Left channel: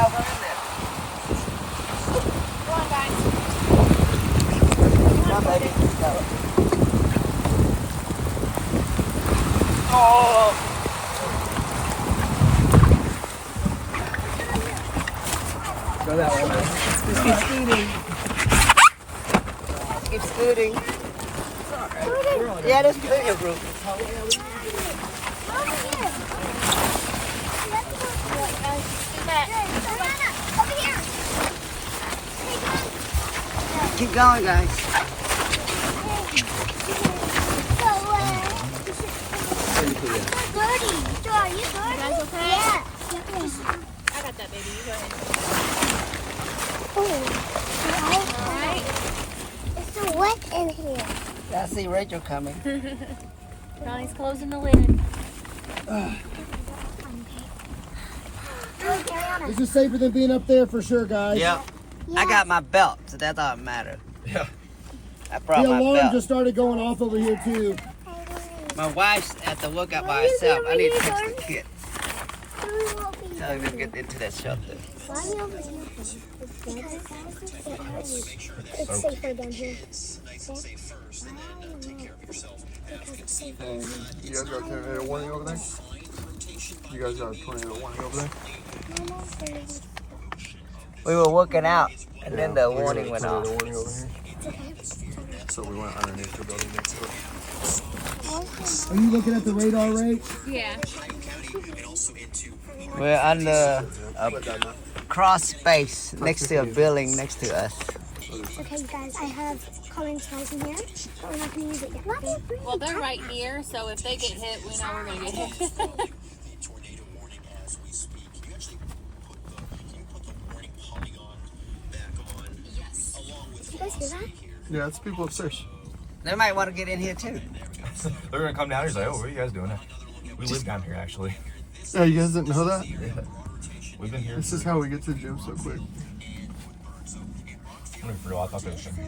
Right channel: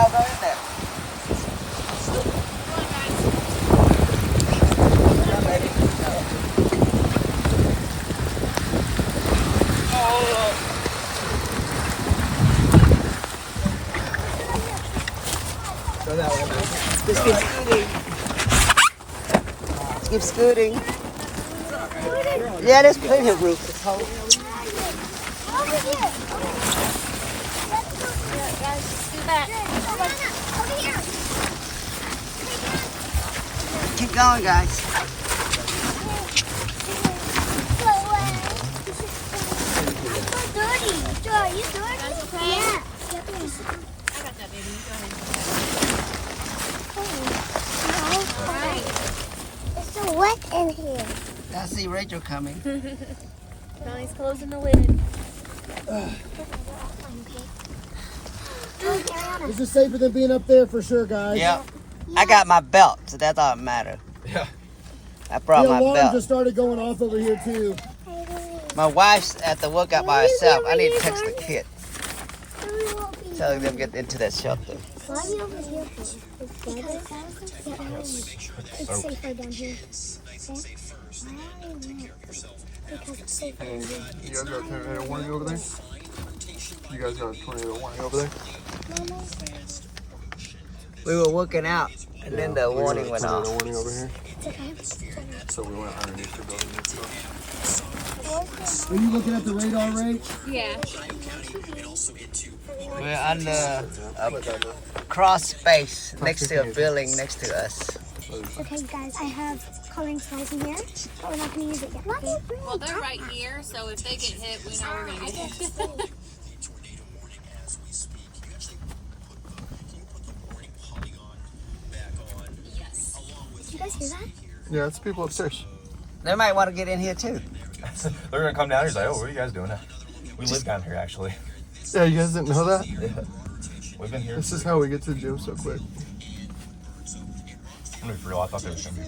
No, go in there. Go that way. Just keep scooting. Keep scooting. Yeah, there's plenty of room. Keep going, guys. I see Rachel coming. Donnie's closing the lid. This is safer than being up there for sure, guys. Yep. I got my belt, so that doesn't matter. Yeah. I brought The my alarm belt. just started going off over here too. My wife's at the workout by herself. I need to text the kids. Telling them to get into that shelter. It's safer down here. Because it's safer down here. You guys got a tornado warning over there? You guys got a tornado warning over there? We were working out, and then the warning went off. Tornado warning over here? It's okay. So we went underneath the building. Are you looking at the radar, Rach? Yeah. We're under a cross space next to a building next to us. Okay, you guys, I have calling supplies in here, but we're not going to use it yet. Okay? Well, they're right here, so if they get hit, we know we're going to get hit. Did you guys hear that? Yeah, it's people upstairs. They might want to get in here too. They're gonna come down here and say, "Oh, what are you guys doing?" We live down here, actually. Yeah, you guys didn't know that? Yeah, we've been here. This is how we get to the gym so quick. I thought they were gonna be